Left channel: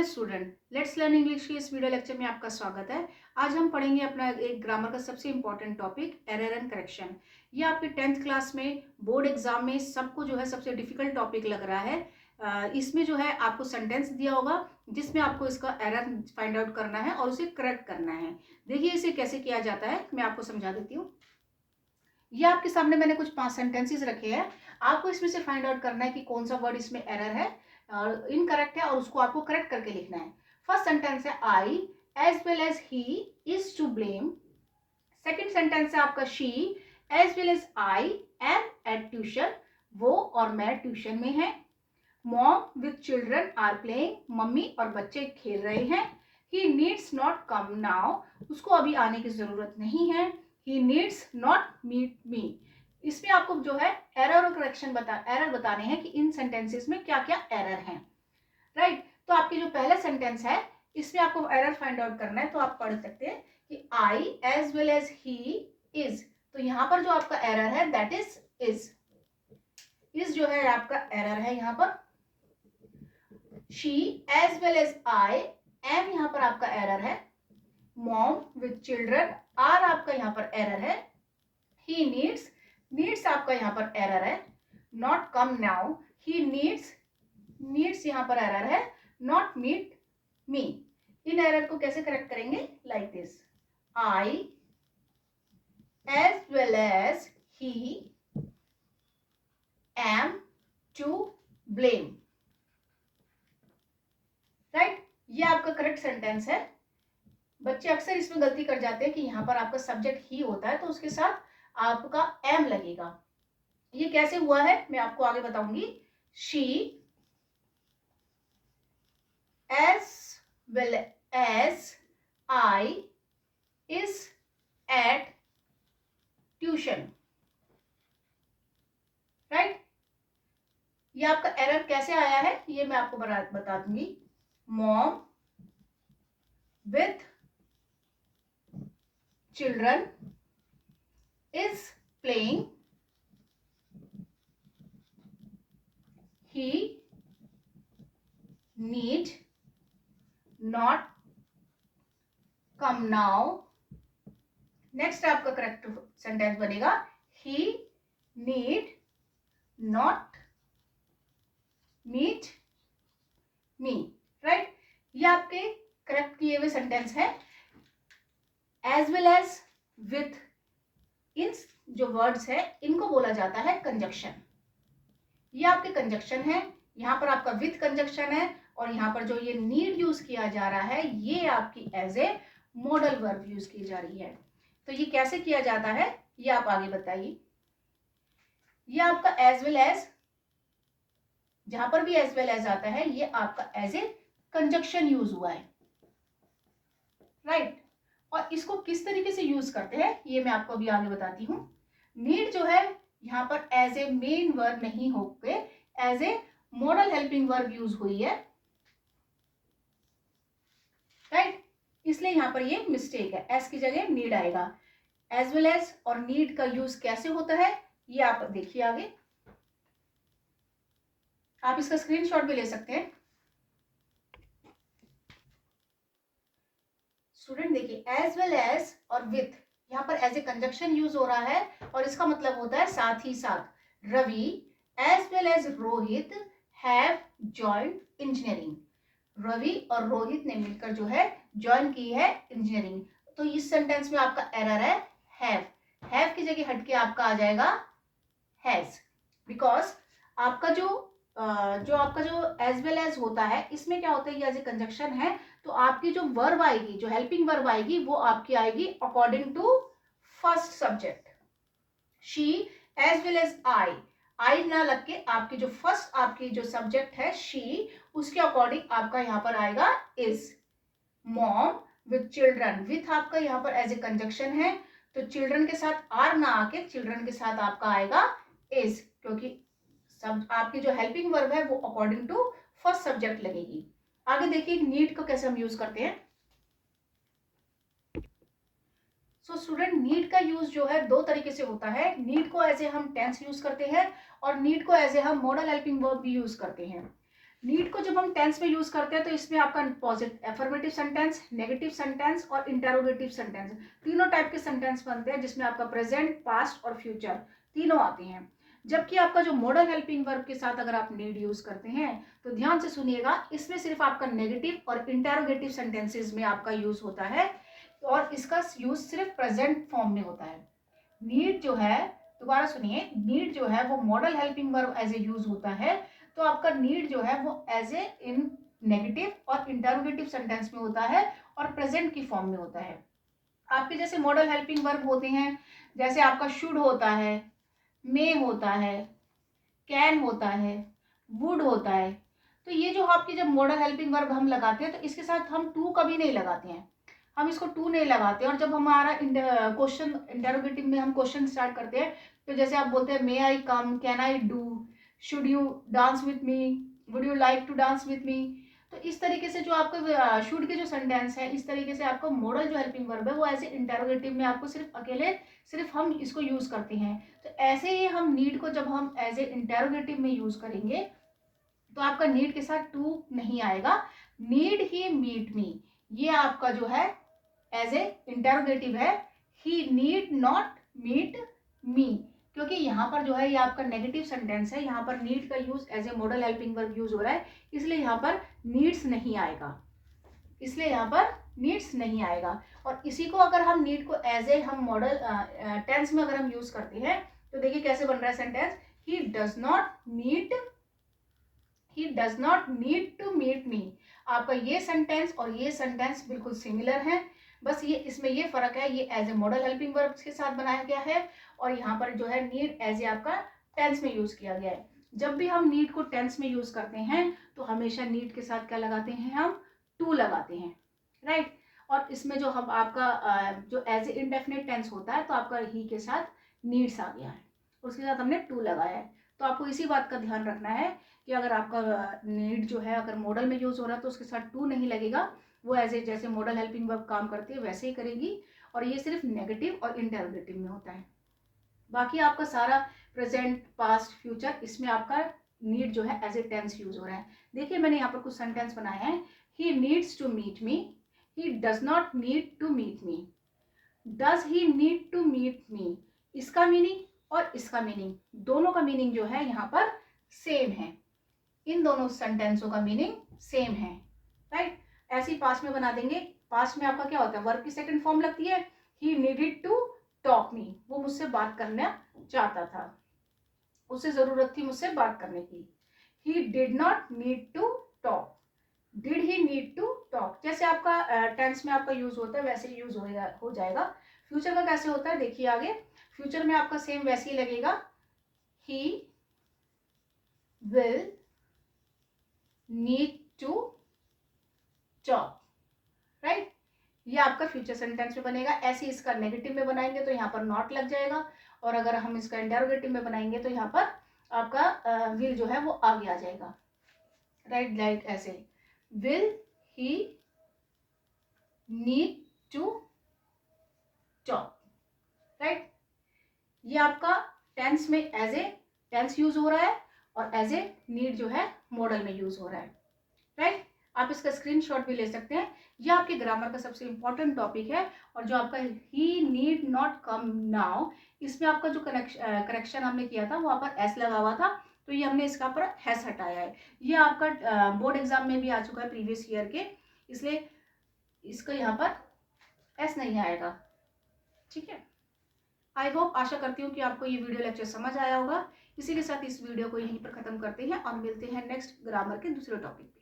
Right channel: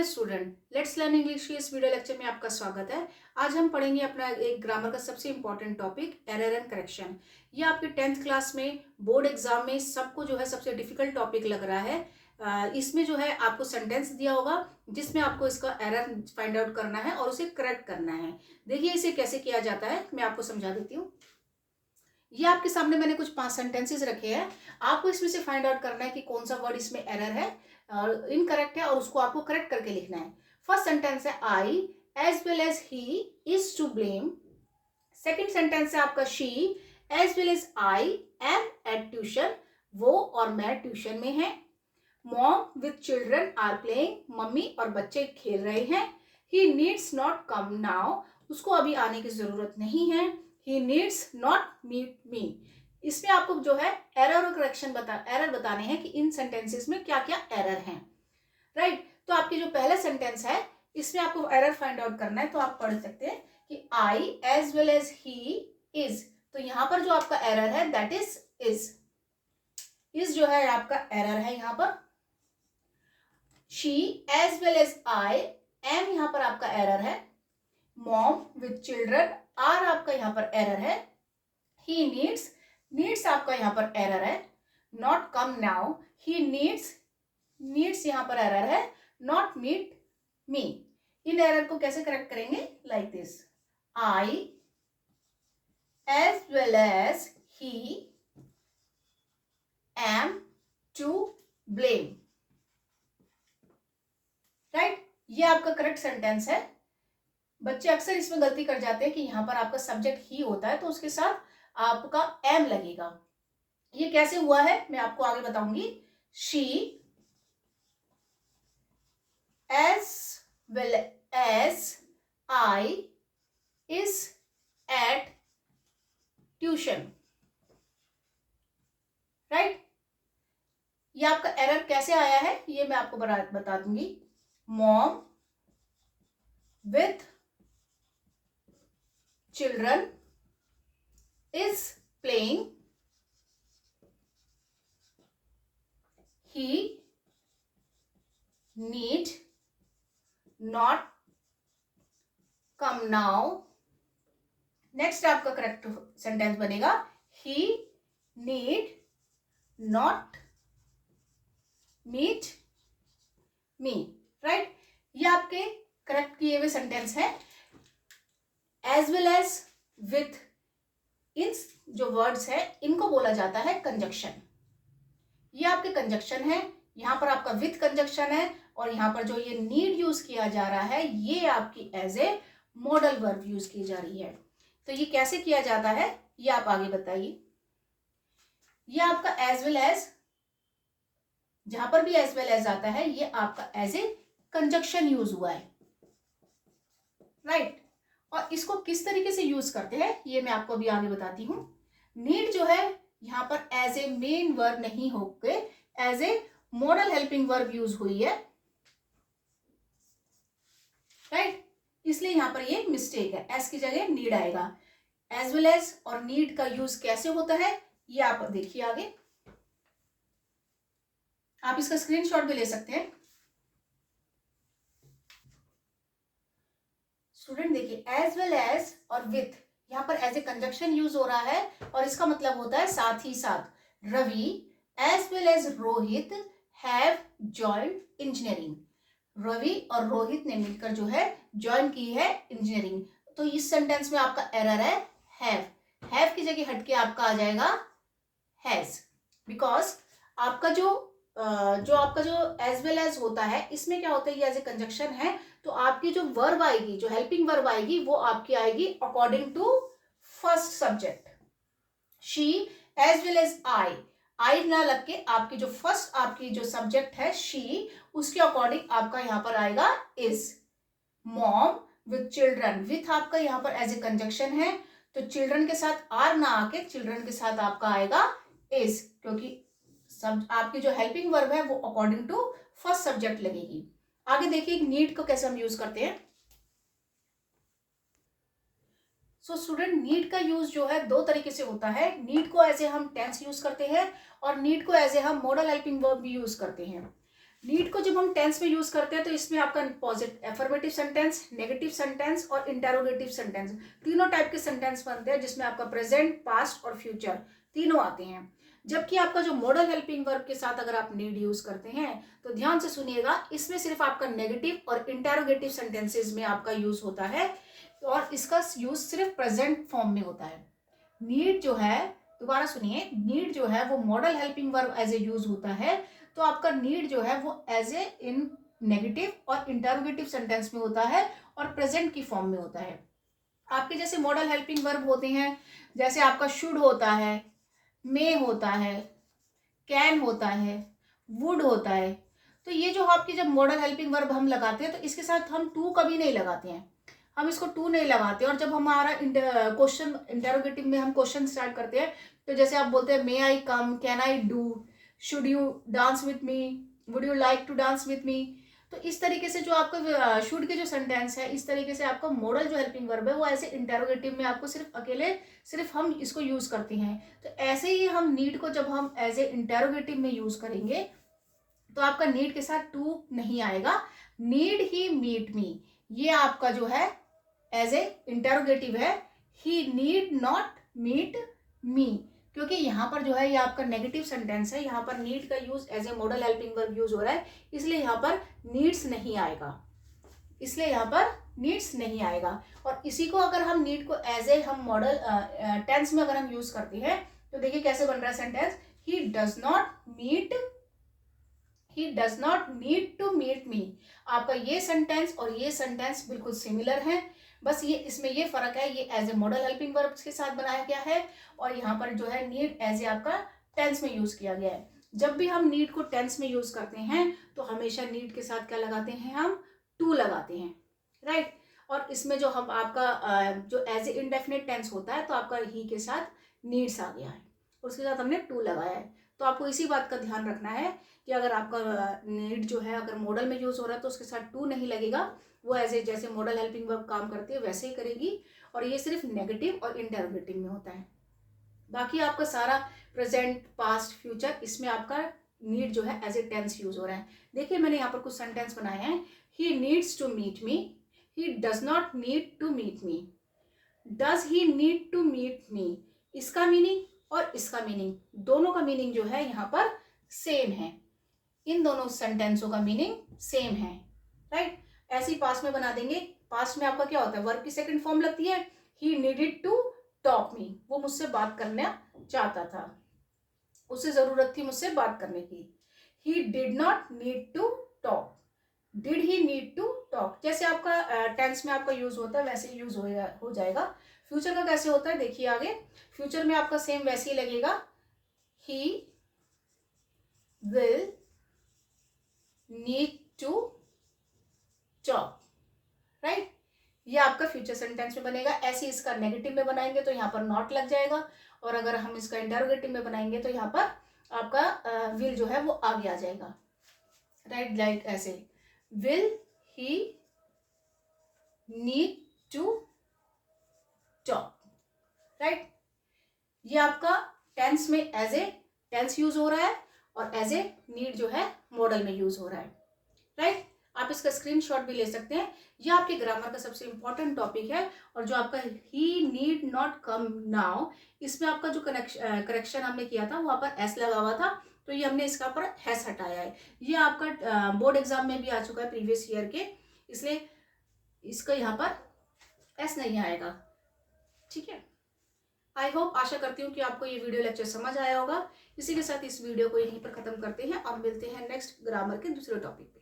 Hello student, let's learn English के इस video lecture में आपका स्वागत है। आज हम पढ़ेंगे अपना एक ग्रामर का सबसे important topic error and correction. ये आपके 10th क्लास में बोर्ड एग्जाम में सबको जो है सबसे डिफिकल्ट टॉपिक लग रहा है। इसमें जो है आपको सेंटेंस दिया होगा जिसमें आपको इसका एरर फाइंड आउट करना है और उसे करेक्ट करना है। देखिए इसे कैसे किया जाता है, मैं आपको समझा देती हूँ। ये आपके सामने मैंने कुछ 5 सेंटेंसेस रखे हैं। आपको इसमें से फाइंड आउट करना है कि कौन सा वर्ड इसमें एरर है और इनकरेक्ट है और उसको आपको करेक्ट करके लिखना है। फर्स्ट सेंटेंस है I as well as he is to blame. Second sentence है आपका she as well as I am at tuition. वो और मैं ट्यूशन में है। Mom with children are playing. मम्मी और बच्चे खेल रहे हैं। He needs not come now. उसको अभी आने की जरूरत नहीं है। He needs not meet me। इसमें आपको जो है एरर और करेक्शन एरर बताने हैं कि इन सेंटेंसेस में क्या क्या एरर हैं। राइट, तो आपकी जो पहला सेंटेंस है इसमें आपको एरर फाइंड आउट करना है। तो आप पढ़ सकते हैं कि I as well as he is. तो यहां पर जो आपका एरर है दैट इज इज जो है आपका एरर है। यहां पर she as well as I am यहां पर आपका एरर है। मॉम विथ चिल्ड्रन आर आपका यहां पर एरर है। ही नीड्स आपका यहां पर एरर है। Not come now he needs यहां पर एरर है। Not meet me. इन एरर को कैसे करेक्ट करेंगे? Like this, I as well as he am to blame. Right, ये आपका करेक्ट सेंटेंस है। बच्चे अक्सर इसमें गलती कर जाते हैं कि यहां पर आपका सब्जेक्ट ही होता है तो उसके साथ आपका एम लगेगा। ये कैसे हुआ है मैं आपको आगे बताऊंगी। She as well as I is at tuition. Right, ये आपका एरर कैसे आया है ये मैं आपको बता दूंगी। Mom with children is playing. He need not come now। Next आपका करेक्ट सेंटेंस बनेगा he need not meet me। Right, ये आपके करेक्ट किए हुए सेंटेंस है। एज वेल एज विथ, इन जो वर्ड्स है इनको बोला जाता है कंजक्शन। ये आपके कंजक्शन है। यहां पर आपका विथ कंजक्शन है और यहां पर जो ये नीड यूज किया जा रहा है ये आपकी as a modal verb use की जा रही है। तो ये कैसे किया जाता है ये आप आगे बताइए। ये आपका एज वेल एज, जहां पर भी एज वेल एज आता है ये आपका एज ए कंजक्शन यूज हुआ है। राइट, और इसको किस तरीके से यूज करते हैं ये मैं आपको अभी आगे बताती हूं। नीड जो है यहां पर एज ए मेन वर्ब नहीं होके as a modal helping verb use हुई है। राइट, इसलिए यहां पर ये मिस्टेक है, एस की जगह नीड आएगा। एज वेल एज और नीड का यूज कैसे होता है ये आप देखिए आगे। आप इसका स्क्रीनशॉट भी ले सकते हैं। स्टूडेंट देखिए, एज वेल एज और विथ यहाँ पर एज ए कंजक्शन यूज हो रहा है और इसका मतलब होता है साथ ही साथ। Ravi as well as Rohit have joined engineering. Ravi और रोहित ने मिलकर जो है ज्वाइन की है इंजीनियरिंग। तो इस सेंटेंस में आपका एरर है हैव की जगह हटके आपका आ जाएगा हैज। बिकॉज आपका जो आपका जो एज वेल एज होता है इसमें क्या होता है, ये एज ए कंजक्शन है तो आपकी जो वर्ब आएगी, जो हेल्पिंग वर्ब आएगी वो आपकी आएगी according to first subject. She as well as I ना लग के आपकी जो फर्स्ट आपकी जो सब्जेक्ट है शी, उसके अकॉर्डिंग आपका यहां पर आएगा is. Mom with children, with आपका यहां पर एज ए कंजक्शन है तो चिल्ड्रन के साथ आर ना आके चिल्ड्रन के साथ आपका आएगा इज, क्योंकि सब आपकी जो हेल्पिंग वर्ब है वो अकॉर्डिंग टू फर्स्ट सब्जेक्ट लगेगी। आगे देखिए नीड को कैसे हम यूज करते हैं। सो स्टूडेंट, नीड का यूज जो है दो तरीके से होता है। नीड को एज ए हम टेंस यूज करते हैं और नीड को एज ए हम मॉडल हेल्पिंग वर्ब भी यूज करते हैं। नीड को जब हम टेंस में यूज करते हैं तो इसमें आपका positive affirmative sentence, negative sentence और इंटेरोगेटिव सेंटेंस, तीनों टाइप के सेंटेंस बनते हैं, जिसमें आपका प्रेजेंट, पास्ट और फ्यूचर तीनों आते हैं। जबकि आपका जो मॉडल हेल्पिंग वर्ब के साथ अगर आप नीड यूज करते हैं तो ध्यान से सुनिएगा, इसमें सिर्फ आपका नेगेटिव और इंटेरोगेटिव सेंटेंसेस में आपका यूज होता है और इसका यूज सिर्फ प्रेजेंट फॉर्म में होता है। नीड जो है, दोबारा सुनिए, नीड जो है वो modal helping verb as a use होता है, तो आपका नीड जो है वो एज ए इन नेगेटिव और इंटरोगेटिव सेंटेंस में होता है और प्रेजेंट की फॉर्म में होता है। आपके जैसे मॉडल हेल्पिंग वर्ब होते हैं, जैसे आपका शुड होता है, मे होता है, कैन होता है, वुड होता है, तो ये जो आपकी जब मॉडल हेल्पिंग वर्ब हम लगाते हैं तो इसके साथ हम टू कभी नहीं लगाते हैं, हम इसको टू नहीं लगाते। और जब हमारा क्वेश्चन इंटेरोगेटिव में हम क्वेश्चन स्टार्ट करते हैं तो जैसे आप बोलते हैं may I come, can I do, should you dance with me, would you like to dance with me, तो इस तरीके से जो आपका शुड के जो सेंटेंस है, इस तरीके से आपका मॉडल जो हेल्पिंग वर्ब है वो ऐसे इंटेरोगेटिव में आपको सिर्फ अकेले सिर्फ हम इसको यूज करते हैं। तो ऐसे ही हम नीड को जब हम एज ए इंटेरोगेटिव में यूज करेंगे तो आपका नीड के साथ टू नहीं आएगा। नीड ही मीट मी, ये आपका जो है एज ए इंटेरोगेटिव है, ही नीड नॉट मीट मी, क्योंकि यहाँ पर जो है ये आपका नेगेटिव सेंटेंस है, यहाँ पर नीड का use as a modal helping verb use हो रहा है, इसलिए यहाँ पर नीड्स नहीं आएगा, इसलिए यहाँ पर नीड्स नहीं आएगा। और इसी को अगर हम नीड को एज ए हम मॉडल टेंस में अगर हम यूज करते हैं तो देखिए कैसे बन रहा है sentence, he does not need to meet me. आपका ये सेंटेंस और ये सेंटेंस बिल्कुल सिमिलर है, बस ये इसमें ये फर्क है, ये as a modal helping verb के साथ बनाया गया है और यहाँ पर जो है नीड एज ए आपका टेंस में यूज किया गया है। जब भी हम नीड को टेंस में यूज करते हैं तो हमेशा नीड के साथ क्या लगाते हैं, हम टू लगाते हैं, राइट। और इसमें जो हम आपका जो एज ए इंडेफिनिट टेंस होता है तो आपका ही के साथ नीड्स आ गया है, उसके साथ हमने टू लगाया है। तो आपको इसी बात का ध्यान रखना है कि अगर आपका नीड जो है अगर मॉडल में यूज हो रहा है तो उसके साथ टू नहीं लगेगा, वो एज ए जैसे मॉडल हेल्पिंग वर्ब काम करती है वैसे ही करेगी, और ये सिर्फ नेगेटिव और इंटरोगेटिव में होता है। बाकी आपका सारा प्रेजेंट, पास्ट, फ्यूचर, इसमें आपका नीड जो है एज ए टेंस यूज हो रहा है। देखिए मैंने यहाँ पर कुछ सेंटेंस बनाए हैं, he needs to meet me, he does not need to meet me, does he need to meet me, इसका मीनिंग और इसका मीनिंग, दोनों का मीनिंग जो है यहाँ पर सेम है, इन दोनों सेंटेंसों का मीनिंग सेम है, राइट। ऐसे ही पास्ट में बना देंगे, पास्ट में आपका क्या होता है, वर्ब की सेकंड फॉर्म लगती है, ही नीडेड टू टॉक मी, वो मुझसे बात करना चाहता था, उसे जरूरत थी मुझसे बात करने की। He did not need to talk, did he need to talk, जैसे आपका टेंस में आपका यूज होता है वैसे ही यूज हो जाएगा। फ्यूचर का कैसे होता है देखिए आगे, फ्यूचर में आपका सेम वैसे ही लगेगा, he will need to talk, right, ये आपका फ्यूचर सेंटेंस में बनेगा। ऐसे इसका नेगेटिव में बनाएंगे तो यहाँ पर नॉट लग जाएगा, और अगर हम इसका इंटरोगेटिव में बनाएंगे तो यहाँ पर आपका विल जो है वो आगे आ जाएगा, राइट, लाइक ऐसे, will he need to talk, right. ये आपका टेंस में एज ए टेंस यूज हो रहा है और एज ए नीड जो है मॉडल में यूज हो रहा है, राइट। आप इसका स्क्रीनशॉट भी ले सकते हैं, यह आपके ग्रामर का सबसे इंपॉर्टेंट टॉपिक है। और जो आपका ही नीड नॉट कम नाउ, इसमें आपका जो करेक्शन हमने किया था वहाँ पर एस लगा हुआ था, तो ये हमने इसका पर हैस हटाया है। ये आपका बोर्ड एग्जाम में भी आ चुका है प्रीवियस ईयर के, इसलिए इसका यहाँ पर एस नहीं आएगा, ठीक है। आई होप, आशा करती हूँ कि आपको ये वीडियो लेक्चर समझ आया होगा। इसी के साथ इस वीडियो को यहीं पर खत्म करते हैं और मिलते हैं नेक्स्ट ग्रामर के दूसरे टॉपिक पे।